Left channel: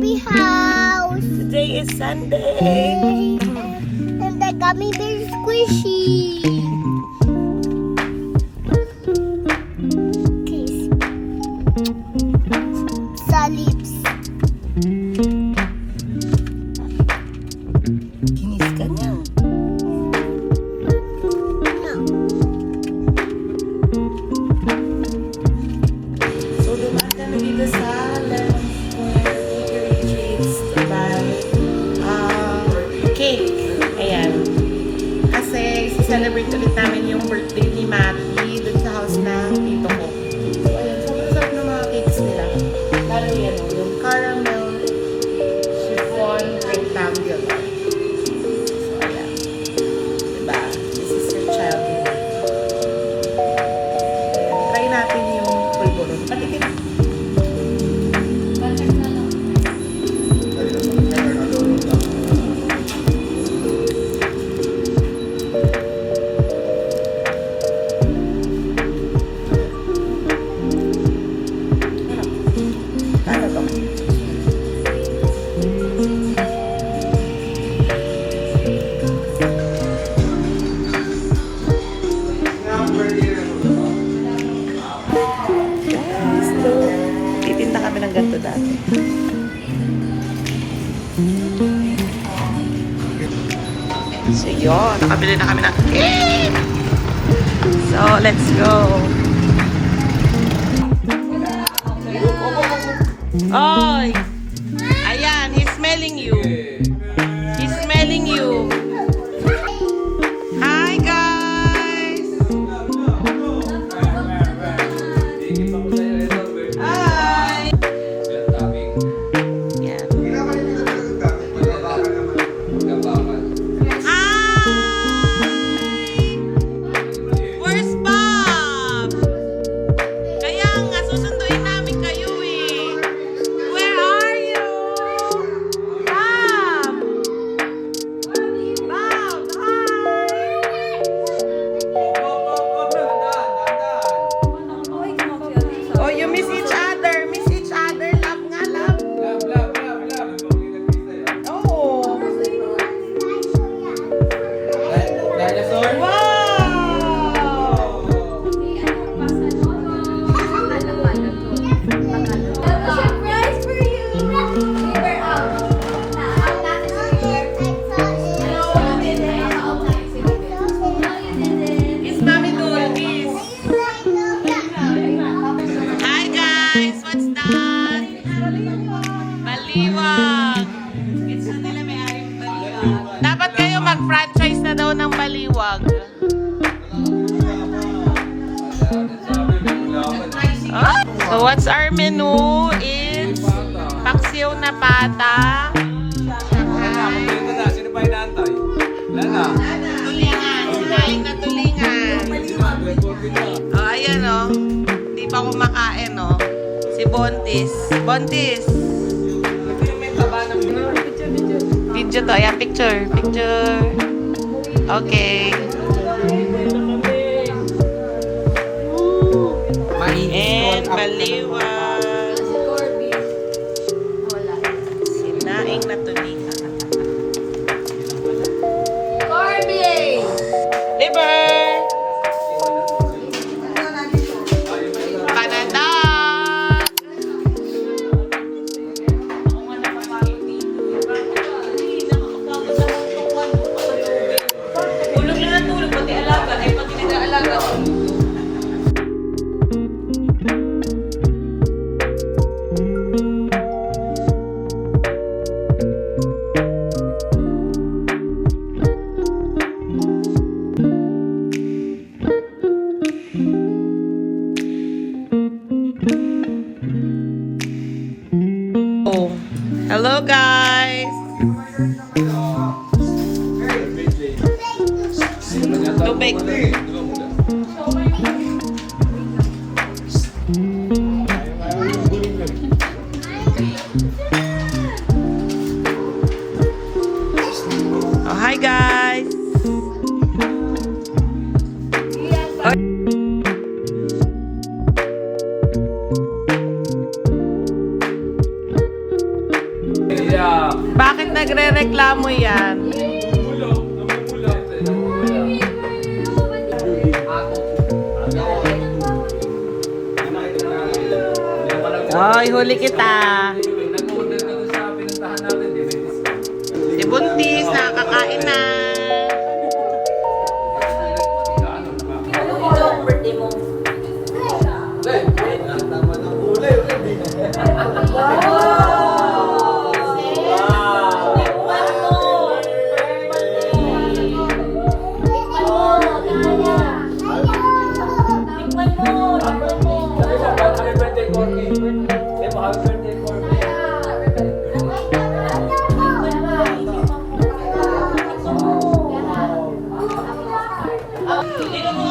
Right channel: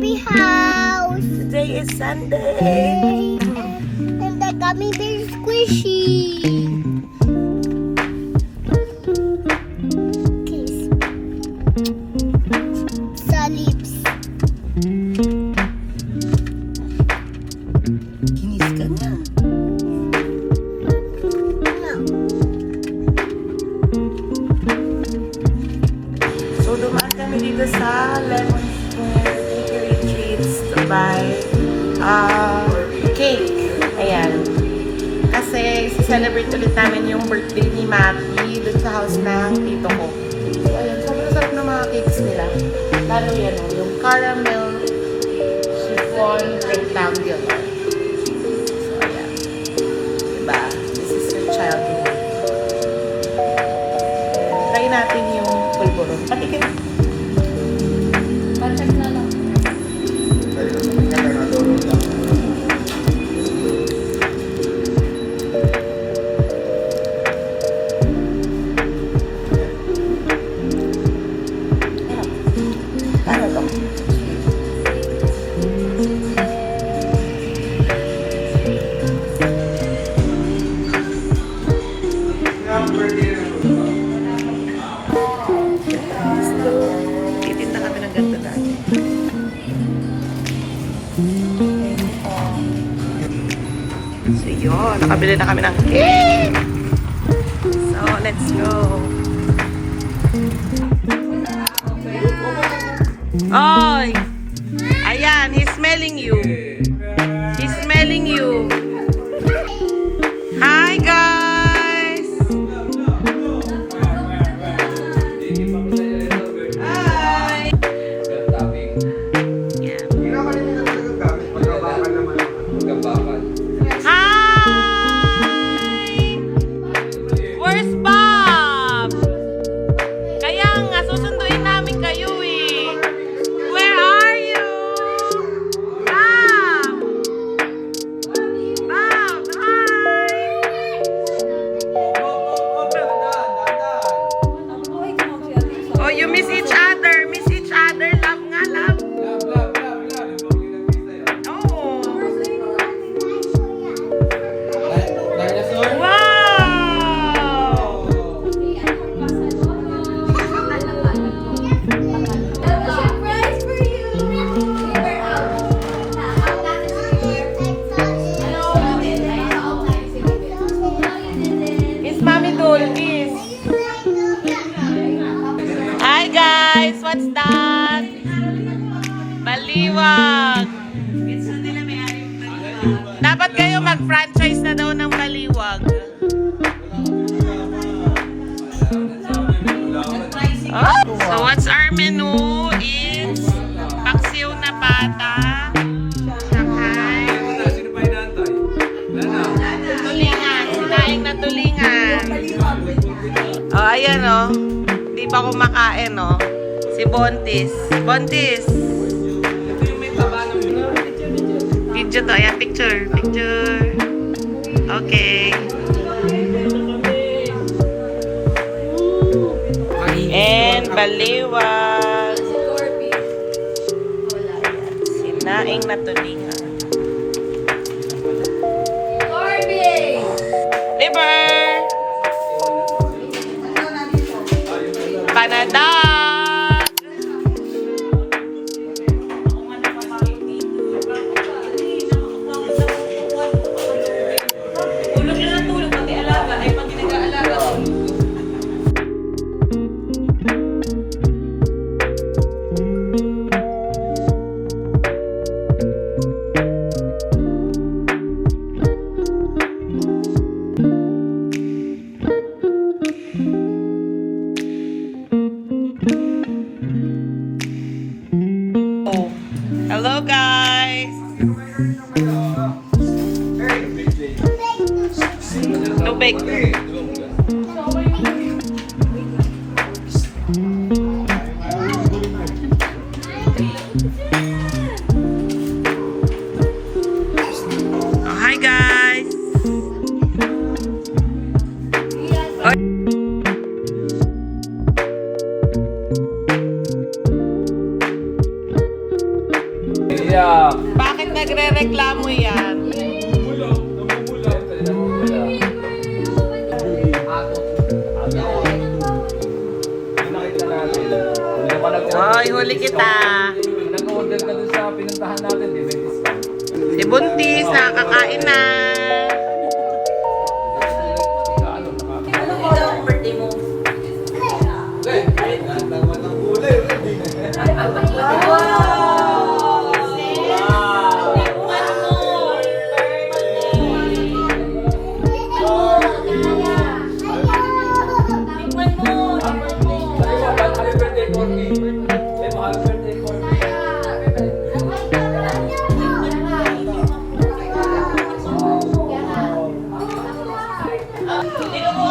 Barbie house. Today is Sunday. And the gummy bear is squishy. Okay. Sa lips. Kinis ka na. No. So, dumaan kami dito sa Lemon Square Bakery Treats to buy cake. Ayan. Kasi, celebrate ulit namin yung birthday ni Maki dun sa house ng tito ko. So, ayun. Sobrang sarap ng mga cakes nila. Lalo yan, yung caramel chiffon rectangular. So, ayan. Diba? This is your childhood. Try natin yung pulburo. Patikin. Perfect na lang. Ano to? Titinda kami ng ganito dati. So yun, nakabili na kami ng cake! So, let's go! Oy! Ayan, he's smelling you. He's smelling you. Hi, guys! Yan. Hi! Where's Bob? Kaya nga, susunduin namin kayo eh. Where are you? Bob! Bob, hi! Oh, you miss each other. Miss each other. Love nga, love. Oh. Wow! Surprise for you. Miss Mami Gold, miss. Hi guys, what's that? Baliwag. Dapat kayo mag-franchise na daw ng Baliwag. Ah, so what's our menu is paksiw na pata, tulingan, sinaing na tulingan. Oh, ayan oh. Hindi pa kumakain oh. Si Bontis. Bontis. Video to. Ayan, picture. Picture. Okay. And Baliwag. Sinaing na tulingan. Liver. Panada. magrereklamo yan. Hoy, huli kita. Si Buntis, nakakain na.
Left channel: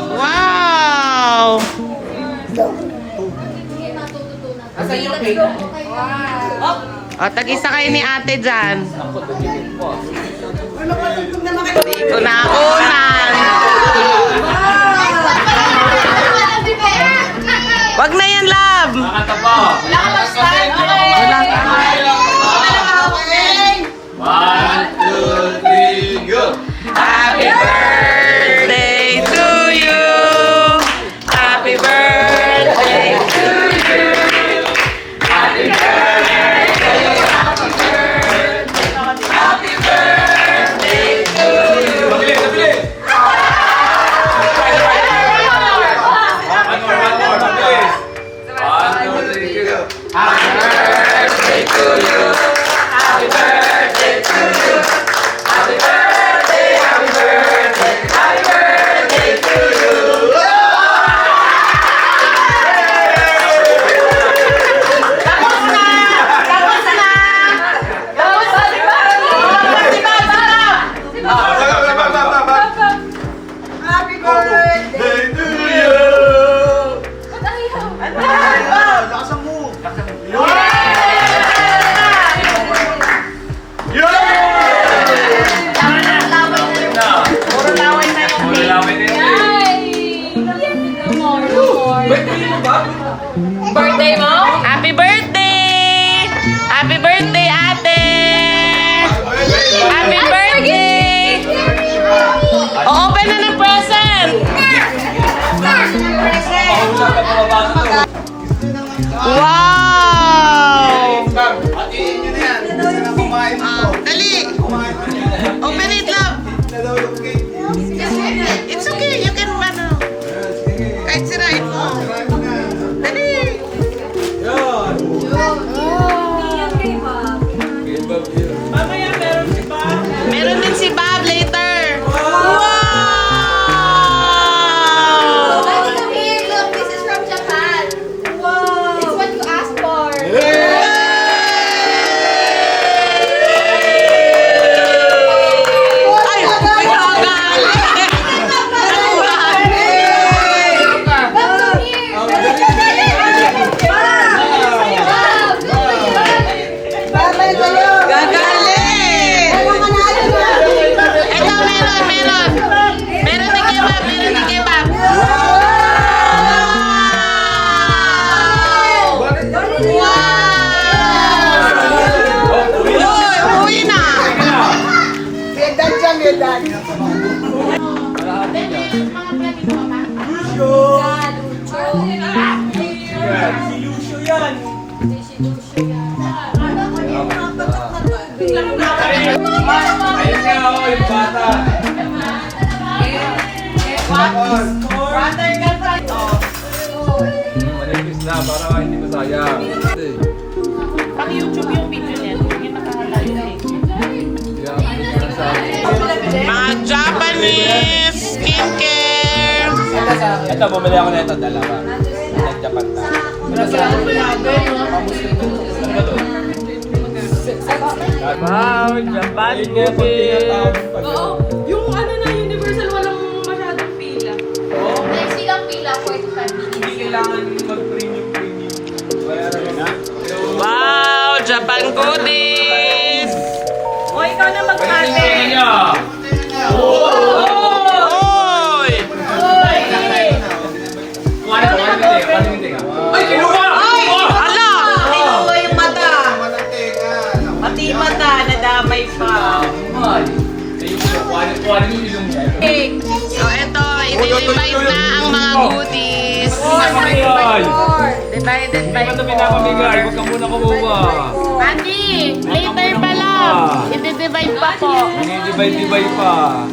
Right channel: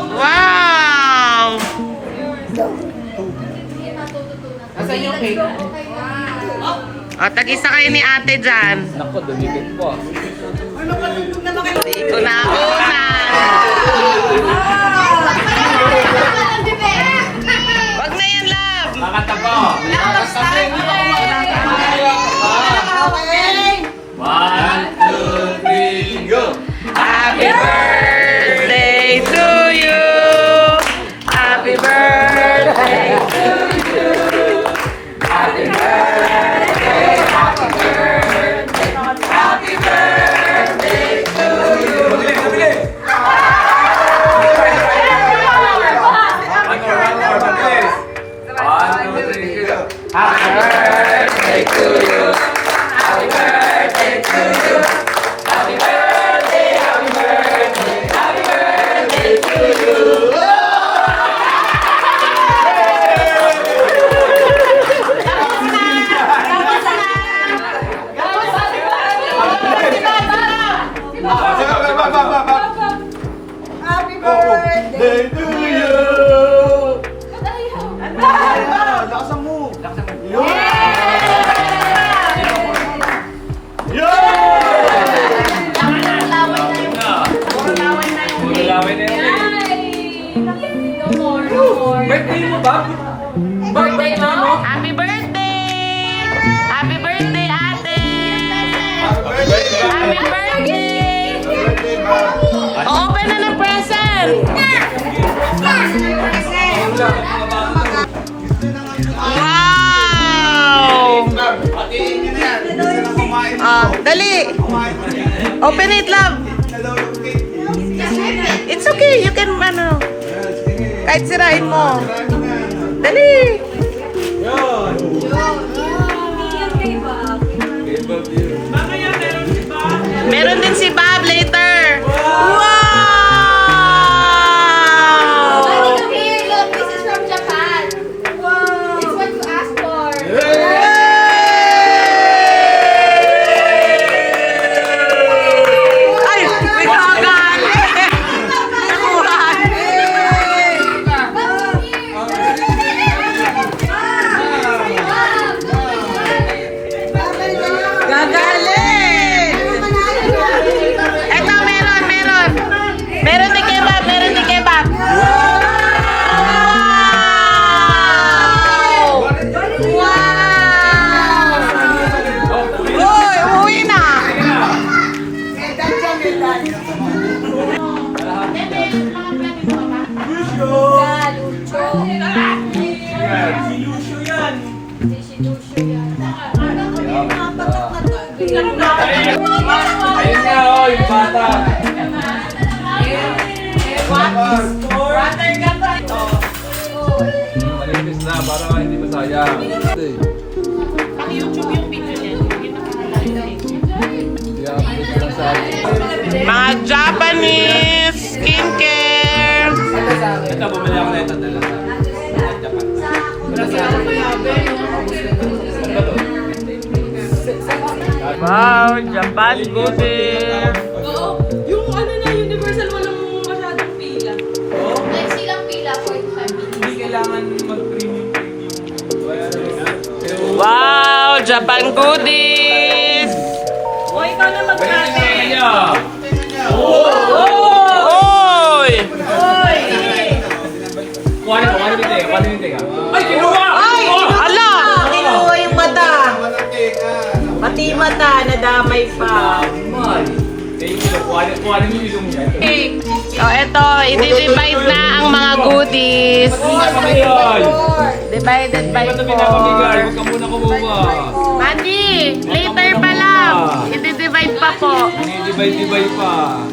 Wow! O, tag-isa kayo ni ate dyan. Dito na unan. Wag na yan, love. One, two, three, go! Happy birthday to you. Happy birthday to you. Happy birthday. Happy birthday to you. Mabilis, mabilis! One more, mabilis! One, two, three, go! Happy birthday to you. Happy birthday to you. Happy birthday, happy birthday, happy birthday to you. Happy birthday to you! Lakasan mo! Yun! Birthday mo? Happy birthday! Happy birthday, ate! Happy birthday! O-open na ng present! Wow! Dali! Open it, love! It's okay, you can, kahit sirain mo. Dali! Meron din si Bob later. Wow! Here, look, this is from Japan. Wow. It's what you asked for. Ay, may kagalit. Nakuhaan. Eto, meron. Meron ni Kebab, meron ni Kebab. Uy, umuwi na. Ayun nga, oh, yung bata! Manipis na, para hindi masayang. Pang YouTube yung video niya. Yung nakahalay. Mga Japanese skincare. Ito, bumili ako na ito, dalawa. Japan na. Wow, Japan goodies. Yung ano na, Universal, walang masyadong pila. Like silang pila, 45 minutes. Hindi kailangan mag-premium. Wow, Japan goodies. O, ikaw na magpate. Oy! Ay, kinuha! Ala! Pati mata, nadamay pa. kukuhanin yung ilong niya. So, eto, i-divide na ang mga goodies. Pinapamigay! Divided Hindi by ba ito 4. pinapamigay? Huwag ka muna kumuha. Mandi, later pa lang. I-divide pa po. Dinidivide-divide pa.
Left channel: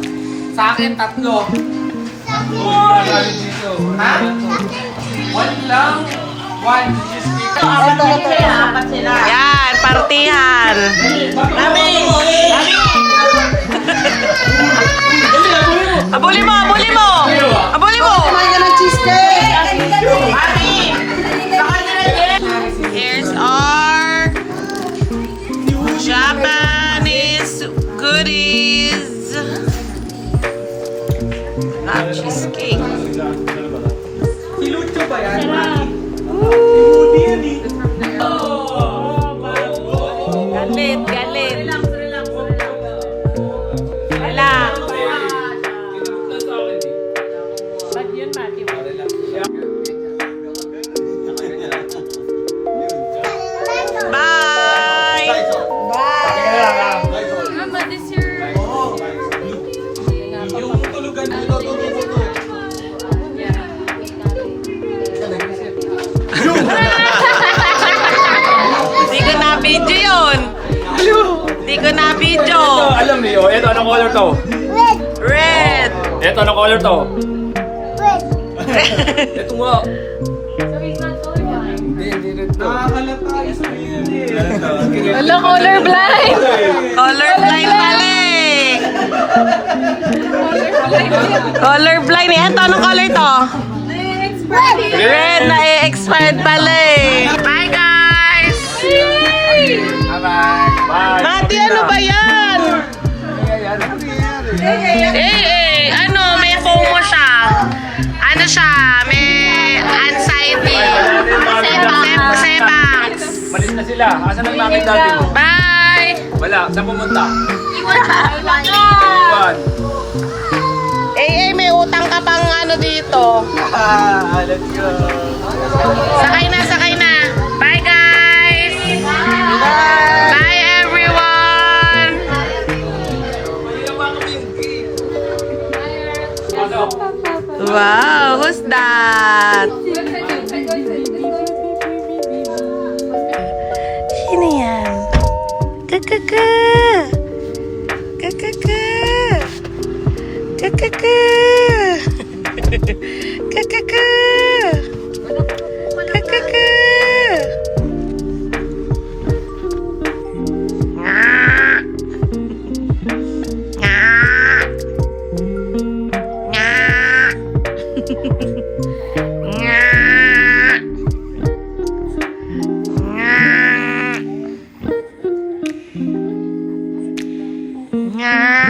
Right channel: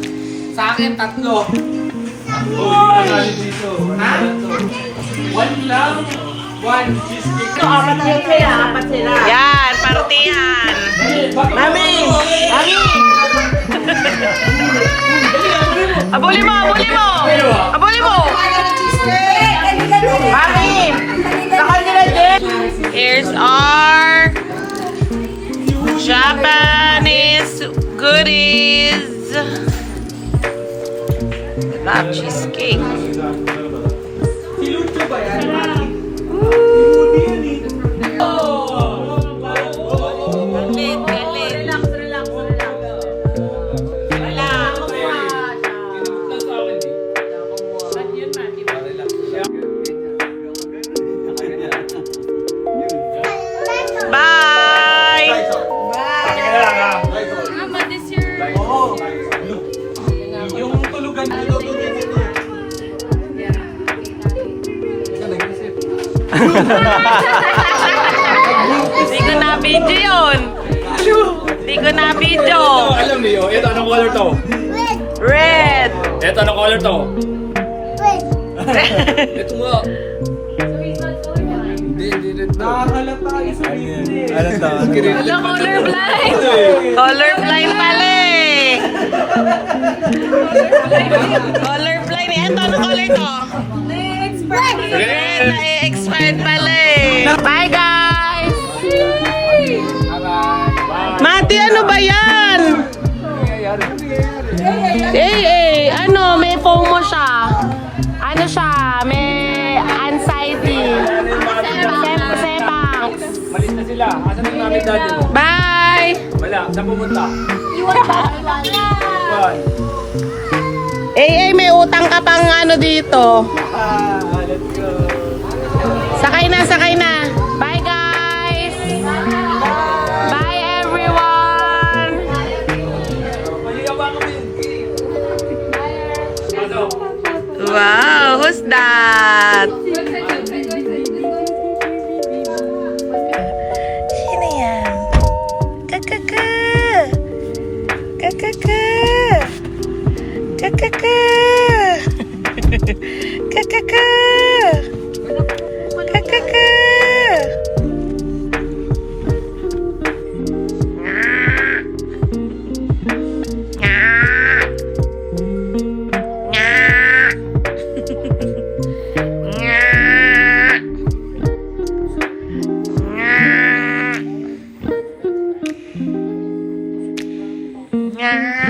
Sa akin, 3. Oh, hindi na ano dito. Ha? 1 lang. 1 cheesecake. Yan, partihan. Abuli mo, abuli mo. Abuli mo. Here's our Japanese goodies. Love cheesecake. Si Lucho ba yan, Maki? Si Rudy yan eh. Galit, galit. Wala. Bye! Yung tulugan ko, ito. Hindi ko na-video yun. Hindi ko na-video. Alam niyo, ito anong color to? Red. Ito anong color to? Ito nga. Nakakalata isa Hello, colorblind. Colorblind pala eh. Colorblind eh. Ito, anong color to? Red na expired pala eh. Bye guys! Mati, ano ba yan? Ano, may FOMO siya. Ano siya, may anxiety. Sebangs. Malis na sila. Asan ang mami dati mo? Bye! Wala. Saan pumunta? Iwan ba? Iwan. May utang ka pang ano dito. Let's go. Sakay na, sakay na. Bye guys! Bye everyone! Wow, who's that? Sino yan? Kakaka! Kakaka! Kakaka! Kakaka! Kakaka! Nga.